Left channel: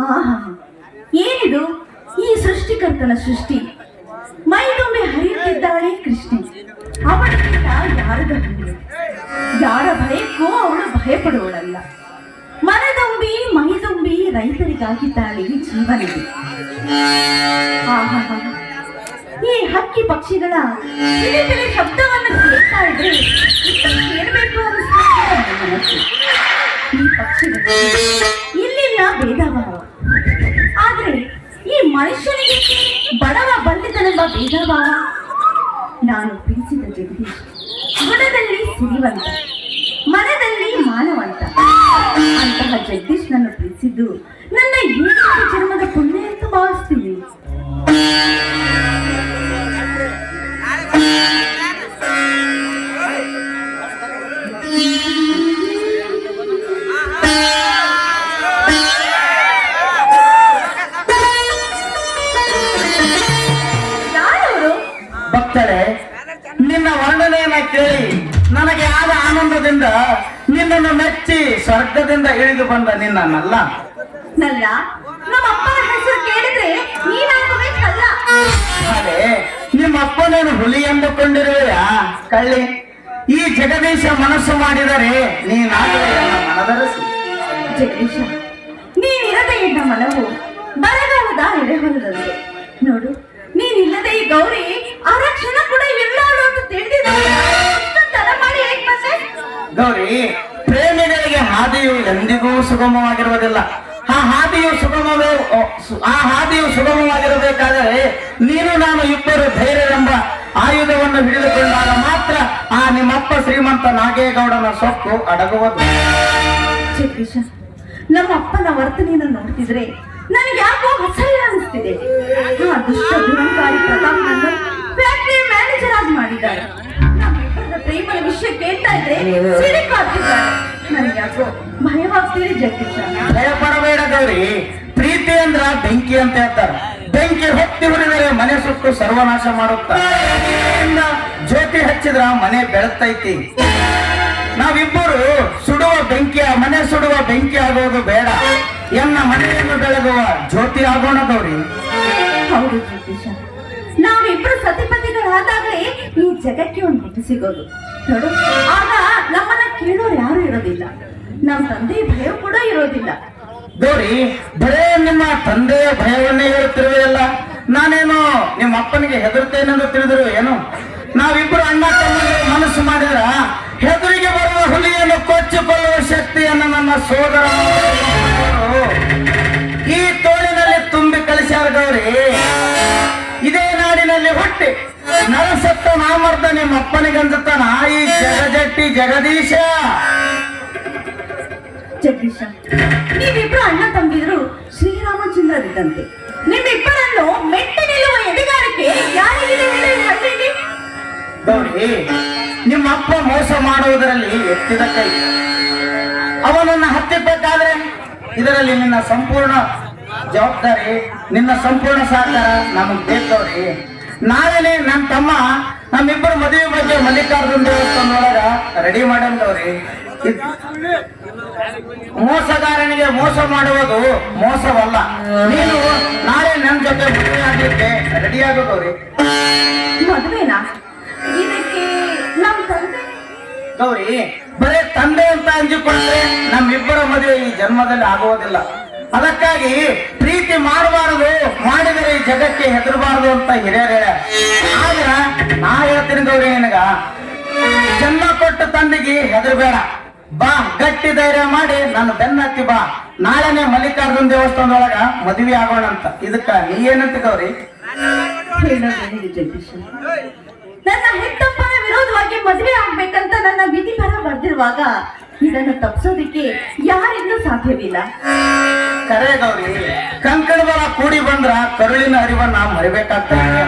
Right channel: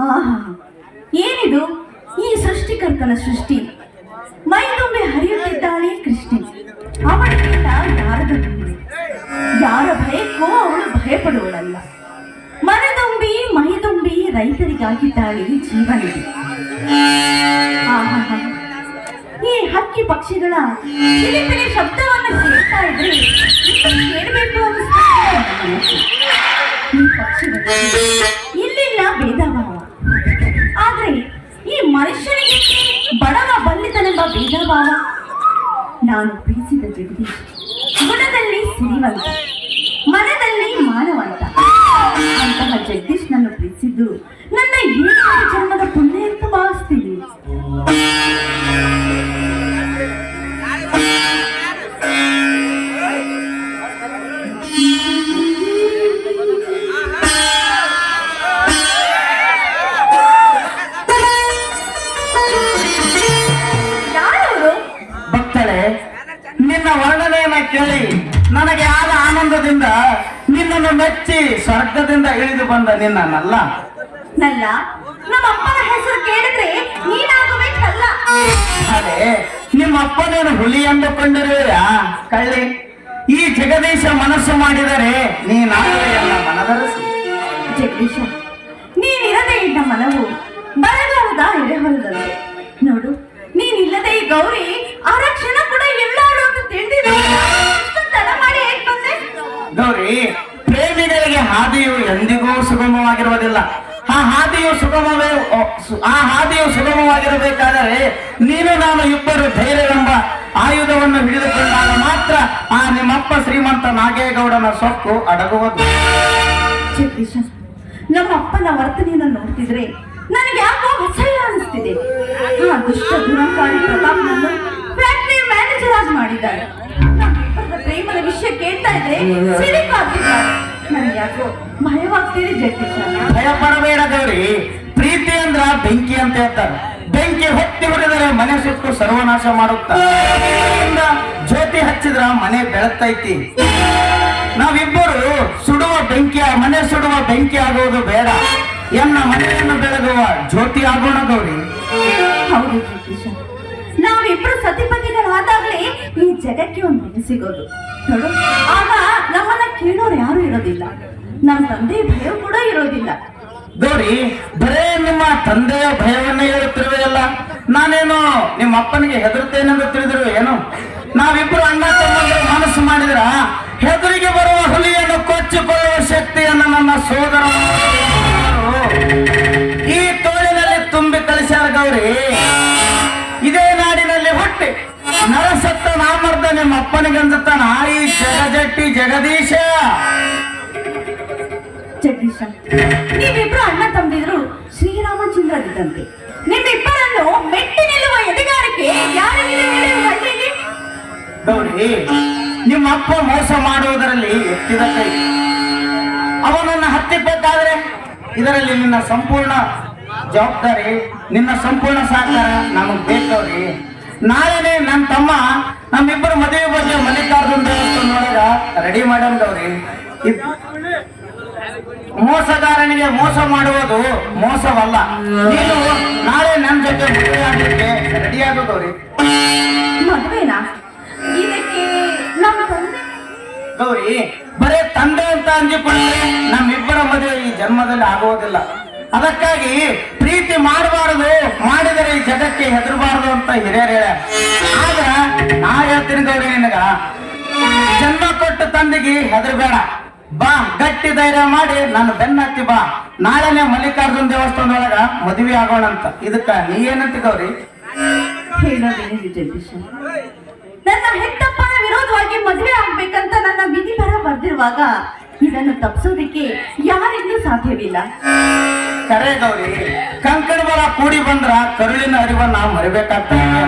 ಆಹಾ. ಏನಿದು? ಈ ಸೃಷ್ಟಿಕರ್ತನ ಸೃಷ್ಟಿ. ಮೈ ಹರಿಯಿದ್ದಾಳೆ ಹರಿಯುತ್ತಿದ್ದಾಳೆ ಕೃಷ್ಣೆ. ಅವಳಿಗಿಂತ ಯಾರದ? ಯಾರ ಭಯಕ್ಕೂ ಅವಳು ಭಯಪಡುವಳಲ್ಲ. ಮನದುಂಬಿ ಮೈ ರೈತರಿಗಾಗಿ ರೈತರಿಗಾಗಿದ್ದಾಳೆ ಜೀವನ. ಈ ಹಕ್ಕಿ ಪಕ್ಷಿಗಳ ಶಬ್ದವನ್ನು ಕೇಳ್ತಾ ಇದ್ರೆ ಕೇಳಬೇಕು ಈ ಪಕ್ಷಿಗಳು, ಇಲ್ಲಿಲ್ಲ ಭೇದ ಆದ್ರೆ ಈ ಮನುಷ್ಯನಿಗೆ ಬಡವ ಬಲ್ಲಿದನೆಂಬ ಭೇದ ಭಾವ ನಾನು ಪ್ರೀತಿಸಿದ ಜಗದೀಶ್ ಗುಣದಲ್ಲಿ ಸಿರಿವಂತ, ಮನದಲ್ಲಿ ಮಾನವಂತ. ಅಂತಹ ಜಗದೀಶ್ ನನ್ನ ಪ್ರೀತಿಸಿದ್ದು ನನ್ನ ಏಳು ಜನ್ಮದ ಪುಣ್ಯ ಎಂದು ಭಾವಿಸ್ತೀನಿ ವರ್ಣನೆಯನ್ನ ಕೇಳಿ ನನಗೆ ಆದ ಆನಂದದಿಂದ ನಿನ್ನನ್ನು ಮೆಚ್ಚಿ ಸ್ವರ್ಗದಿಂದ ಇಳಿದು ಬಂದ ನಿನ್ನನ್ನಲ್ಲ ನಲ್ಲ. ನಮ್ಮ ಅಪ್ಪನ ಹೆಸರು ಕೇಳಿದ್ರೆ ನೀನಾಗಬೇಕಲ್ಲ? ಅದೇ ನಿಮ್ಮ ಅಪ್ಪನೇನು ಹುಲಿ ಎಂದುಕೊಂಡಿರುವೆಯಾ? ಕಳ್ಳಿ ಈ ಜಗದೀಶ ಮನಸ್ಸು ಮಾಡಿದರೆ ನೀನಾಗಲೇ ನನ್ನ ಮನದರಸಿ. ಜಗದೀಶ ನೀನಿರದೆ ಇದ್ದ ಮನವು ಬರಗಾಲದ ಎಡೆಹೊಲದಂತೆ ನೋಡು ನೀನಿಲ್ಲದೆ ಈ ಗೌರಿ ಆರಕ್ಷಣ ಗೌರಿ ಪ್ರೇಮಿಗಳಿಗೆ ಹಾದಿಯು ಎಂದಿಗೂ ಸುಗಮವಾಗಿರುವುದಿಲ್ಲ. ಆ ಹಾದಿಯು ಸುಗಮವು ಆ ಹಾದಿಯು ಸುಗಮವಾಗಿರಬೇಕಾದರೆ ನೀನು ನಾನು ಇಬ್ಬರು ಧೈರ್ಯವೆಂಬ ಆಯುಧವನ್ನು ಹಿಡಿದುಕೊಂಡಾಗ ಮಾತ್ರ ಆ ನಿಮ್ಮಪ್ಪ ಶ್ರೀಮಂತ ನಾಗೇಗೌಡನ ಸೊಕ್ಕು ಅಡಗುವುದು. ನಮ್ಮಪ್ಪನ ವರ್ತನೆಯನ್ನು ನೋಡ್ತಿದ್ರೆ ನನಗೆ ಯಾಕೋ ಅಸಹ್ಯ ಅನಿಸ್ತಿದೆ. ಆ ದುಷ್ಟ ದುರಂಕಾರಿ ಪ್ರತಾಪ್ನನ್ನು ಫ್ಯಾಕ್ಟರಿ ಮ್ಯಾನೇಜರ್ ಆಗಿ ಮಾಡಿದ್ದಾರೆ. ವಿಷಯ ಕೇಳ್ತಾ ಇದ್ರೆ ಭಯವಾಗ್ತೀರಿ ನನಗೆ ಯಾಕೋ ಭಯವಾಗ್ತಿದೆ ಜಗದೀಶ. ಭಯ ಪಡಬೇಡ ಗೌರಿ. ಪ್ರೀತಿ ಅಂದ್ರ ಬೆಂಕಿ ಅಂತ ಹೇಳ್ತಾರೆ. ಬೆಂಕಿ ಹೊತ್ತಿ ಹೊಡೆದರೆ ಮನೆ ಸುಟ್ಟು ಸರ್ವನಾಶ ಮಾಡುತ್ತ? ಜ್ಯೋತಿ ಹಚ್ಚಿದ್ರ ಮನೆ ಬೆಳತೈತಿ ನಾವಿಬ್ಬರು ಸುಡುವ ಬೆಂಕಿ ಮನೆ ಸುಡುವ ಬೆಂಕಿ ಆಗೋದು ಬೇಡ. ಎನ್ನ ಮನೆಯನ್ನು ಬೆಳಗುವ ಜ್ಯೋತಿ ಆಗೋಣ ಗೌರಿ. ಹೌದು ಜಗದೀಶ. ನಾವಿಬ್ರು ಸತಿಪತಿಗಳಾದಾಗ್ಲೇ ಈ ಜಗಕ್ಕೆ ಒಂದು ಹೆಣ್ಣು ಸಿಗೋದು. ನೋಡು, ಆಗ ನಮ್ಮನ್ನ ಕೇಳೋರು ಯಾರು ಇರೋದಿಲ್ಲ. ನಮ್ಮ ತಂದೆ ಭಯ ಕೂಡ ಇರೋದಿಲ್ಲ. ನೋಡಿ, ಬರೇ ನಿಮ್ಮ ತಂದೆಯ ಭಯವನ್ನೇ ಹೇಳುತ್ತಿರುವೆಯಲ್ಲ ನಾನೇನು ನಿಮ್ಮ ಅಪ್ಪನಿಗೆ ಹೆದರ್ತೇನೆಂದು ತಿಳಿದಿರುವ ಏನು? ನಾವಿಬ್ರು ಅಣ್ಣ ತಮ್ಮ ಮನಸ್ಸು ಮಾಡಿದ್ರ ಹೆದರಿಗೆ ಬರುವ ಹುಲಿಯನ್ನು ಕೊಚ್ಚಿಕೊಳ್ಳುವ ಶಕ್ತಿಯನ್ನು ನನ್ನ ಸೋದರ ನಾಡಿನಲ್ಲಿ ಹುಟ್ಟಿ ನರಸತ್ತ ನಾಮರ್ದ ನಿಮ್ಮ ಅಪ್ಪನಿಗಂಜತಾನ ನಾಯಿ ಜಗಜಟ್ಟಿ ಜಗದೀಶ. ಜಗದೀಶ ನೀವಿಬ್ರು ಅಣ್ಣ ತಂದಿದ್ರು ಶ್ರೀರಾಮಚಂದ್ರರಿದ್ದಂತೆ. ನಿಮ್ಮಿಬ್ಬರನ್ನು ಮೆಟ್ಟಿ ನಿಲ್ಲುವ ಎದೆಗಾರಿಕೆ ಯಾರಿಗೆ ಗೌರಿ ನಿಮ್ಮ ಅಪ್ಪ ಮೋಸ ಮಾಡುವುದರಲ್ಲಿ ಎತ್ತಿದ ಕೈ. ಅವನನ್ನ ಹತ್ತಿಬೇಕಾದ್ರೆ ಇದರಲ್ಲಿ ನಿನ್ನ ಸಂಪೂರ್ಣ ಜವಾಬ್ದಾರಿ ನಿನ್ನ ಸಂಪೂರ್ಣ ಸಹಕಾರ ನಮಗ್ ಬೇಕವ್ರಿ ನಾಳೆನೆ ನಮ್ಮ ತಮ್ಮ ನಮ್ಮಿಬ್ಬರು ಮದುವೆ ಬಗ್ಗೆ ಮಲ್ಲಿಕಾರ್ಜುನ ದೇವಸ್ಥಾನದೊಳಗ ರೆಡಿ ಮಾಡಂದವ್ರಿ ಮೋಸಗಾರನಿಗೆ ಮೋಸ ಮಾಡುವುದು ಮೋಸವಲ್ಲ. ನೀನು ನಾಳೆ ನನ್ನ ಜೊತೆ ಮದುವೆ ಆಗ್ಲಿಕ್ಕೆ ರೆಡಿ ಆಗುತ್ತವ್ರಿ. ಮದುವೆನಾ? ಇದಕ್ಕೆ ನಮ್ಮ ತಂದೆ? ಗೌರಿ ಬರೇ ತಂದೆ ಅಂತ ಅಂಜಿಕೊಂಡ್ರೆ ನಮ್ಮಿಬ್ಬರ ಮದುವೆ ಈ ಜನ್ಮದಲ್ಲಿ ಆಗುವುದಿಲ್ಲ. ಅದಕ್ಕಾಗಿ ಪ್ರೀತಿ ಮಾಡಬಾರದು, ಮಾಡಿದರೆ ಈ ಜಗಕ್ಕೆ ಹೆದರಬಾರದು ಅಂತ ಹಿರಿಯರು ಹೇಳ ಆಗ ನಾ ಹೇಳ್ತೀನಿ ಗೌರಿ ನಿನಗ, ಜನ್ಮ ಕೊಟ್ಟ ತಂದೆಗೆ ಹೆದರಬೇಡ. ಬಾ, ಗಟ್ಟಿ ಧೈರ್ಯ ಮಾಡಿ ನನ್ನ ಬೆನ್ನತ್ತಿ ಬಾ. ನಾಳೆನೆ ಮಲ್ಲಿಕಾರ್ಜುನ್ ದೇವಸ್ಥಾನದೊಳಗ ಮದುವೆ ಆಗೋಣ ಅಂತ. ಇದಕ್ಕ ನೀ ಏನಂತ ಗೌರಿ? ನನ್ನ ಹೆತ್ತಪ್ಪನ ವಿರೋಧವಾಗಿ ಮದುವೆ ಆಗ್ಬೇಕಂತ ನನ್ನ ವಿಧಿ ಬರ ಬರ್ದಿರುವಾಗ ಇದನ್ನು ತಪ್ಪಿಸೋದಕ್ಕೆ ಯಾರಿಂದೂ ಸಾಧ್ಯವಿಲ್ಲ. ಕರೆ ಗೌರಿ ಕಂಕಣ ಬಲ ಕೂಡಿ ಬಂದ್ರ ಕರುಳಿನ ಅರಿವನ್ನ ಮರಿಬೇಕಾಗ್ತದೆ.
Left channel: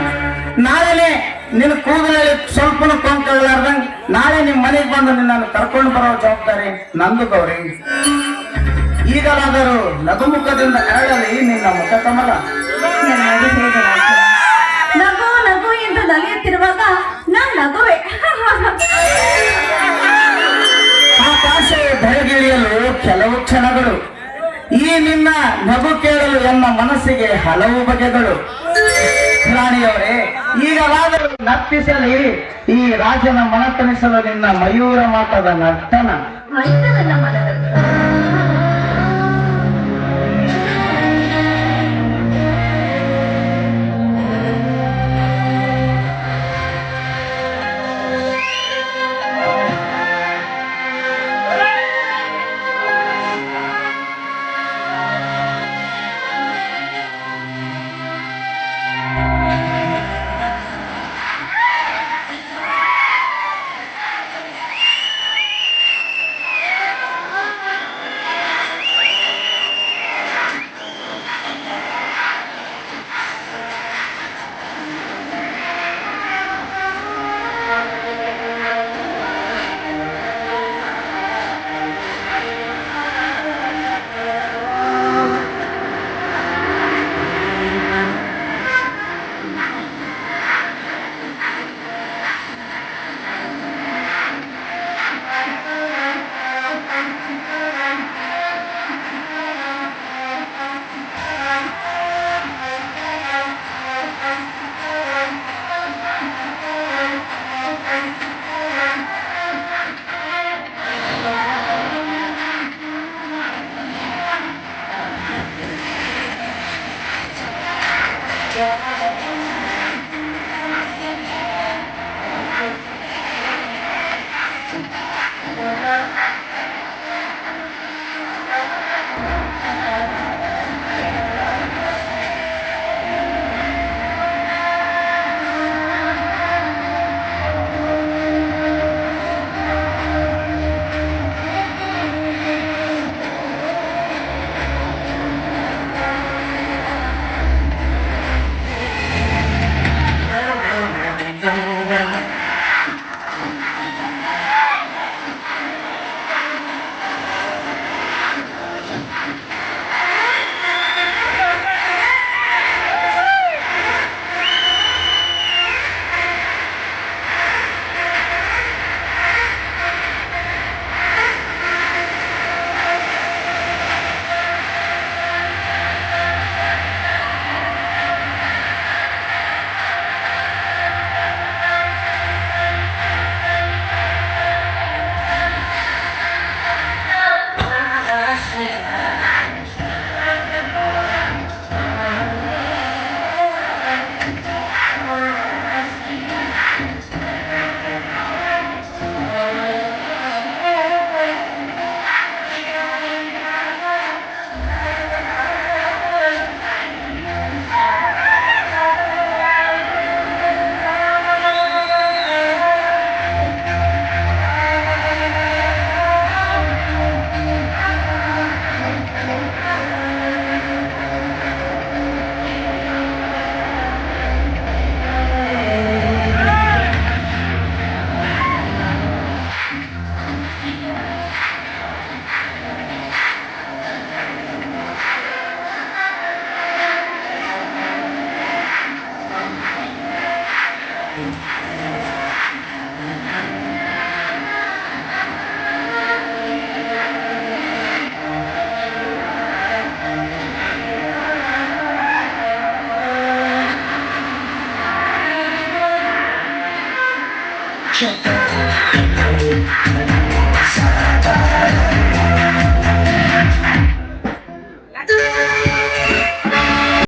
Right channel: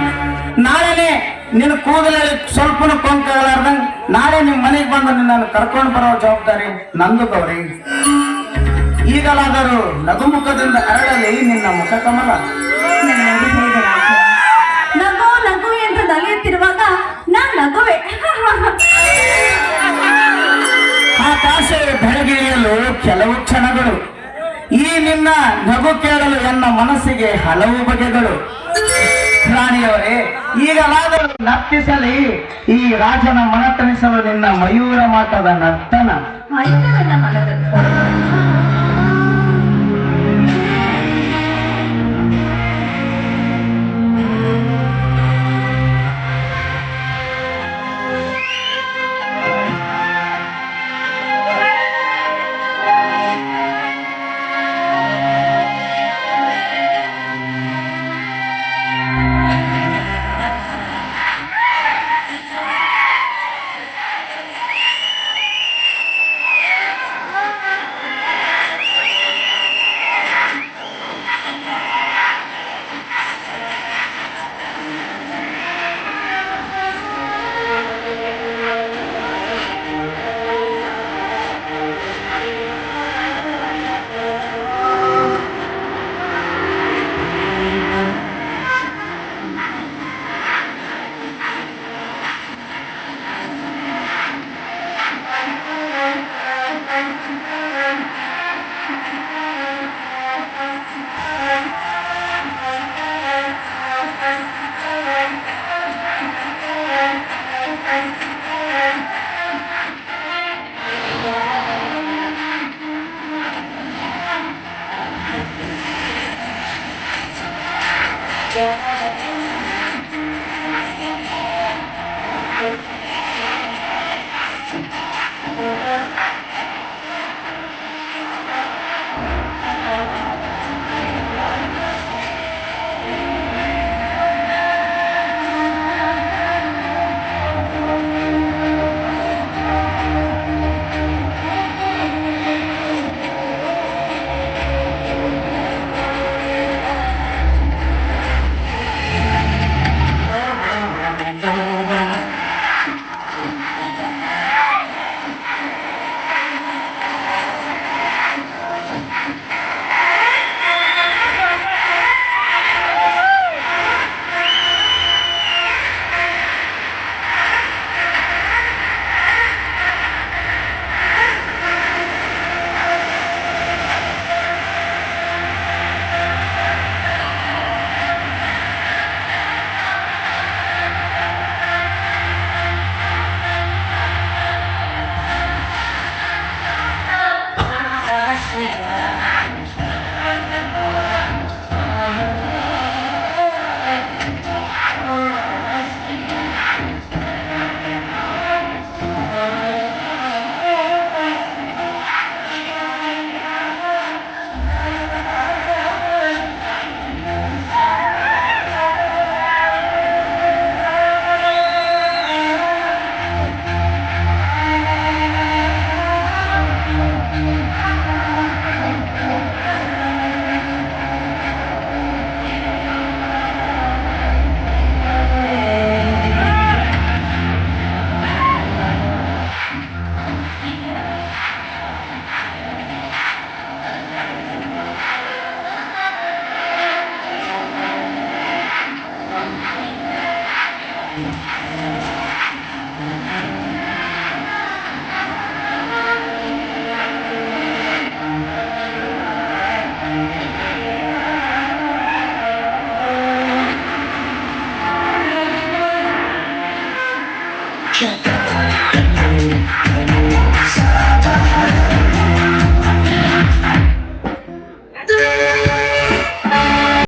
ನಾಳೆನೆ ನಿನ್ನ ಕೂದಲಲ್ಲಿ ಸ್ವಲ್ಪ ಕೊಂಕಾಗಲಾರ್ದಂಗ್ ನಾಳೆ ನಿಮ್ ಮನೆಗೆ ಬಂದು ನಿನ್ನನ್ನು ಕರ್ಕೊಂಡು ಬರೋ ಜವಾಬ್ದಾರಿ ನಂದು ಗೌರಿ. ಈಗಲಾದರೂ ನಗುಮುಖದಿಂದ ಅರಳಲಿ ನಿನ್ನ ಮುಖ ಕಮಲ. ನಗು ನಗು ಎಂದು ನಲಿಯುತ್ತಿರುವಾಗ ನಾನ್ ನಗುವೆ. ಆಕಾಶ ಬೆಳಗಿಳಿಯಲು ಕೆಲವು ಕ್ಷಣಗಳು. ನಿನ್ನ ನಗು ಕೇಳಲು ನನ್ನ ಮನಸ್ಸಿಗೆ ಹಲವು ಬಗೆಗಳು. ರಾಣಿಯವರೇ ಈಗಲಾದರೂ ನರ್ತಿಸಲಿ. ಈ ರಾಜನ ಮನತನಿಸಲು ನಿನ್ನ ಮಯೂರ ಮಾಟದ ನರ್ತನ. Yeah.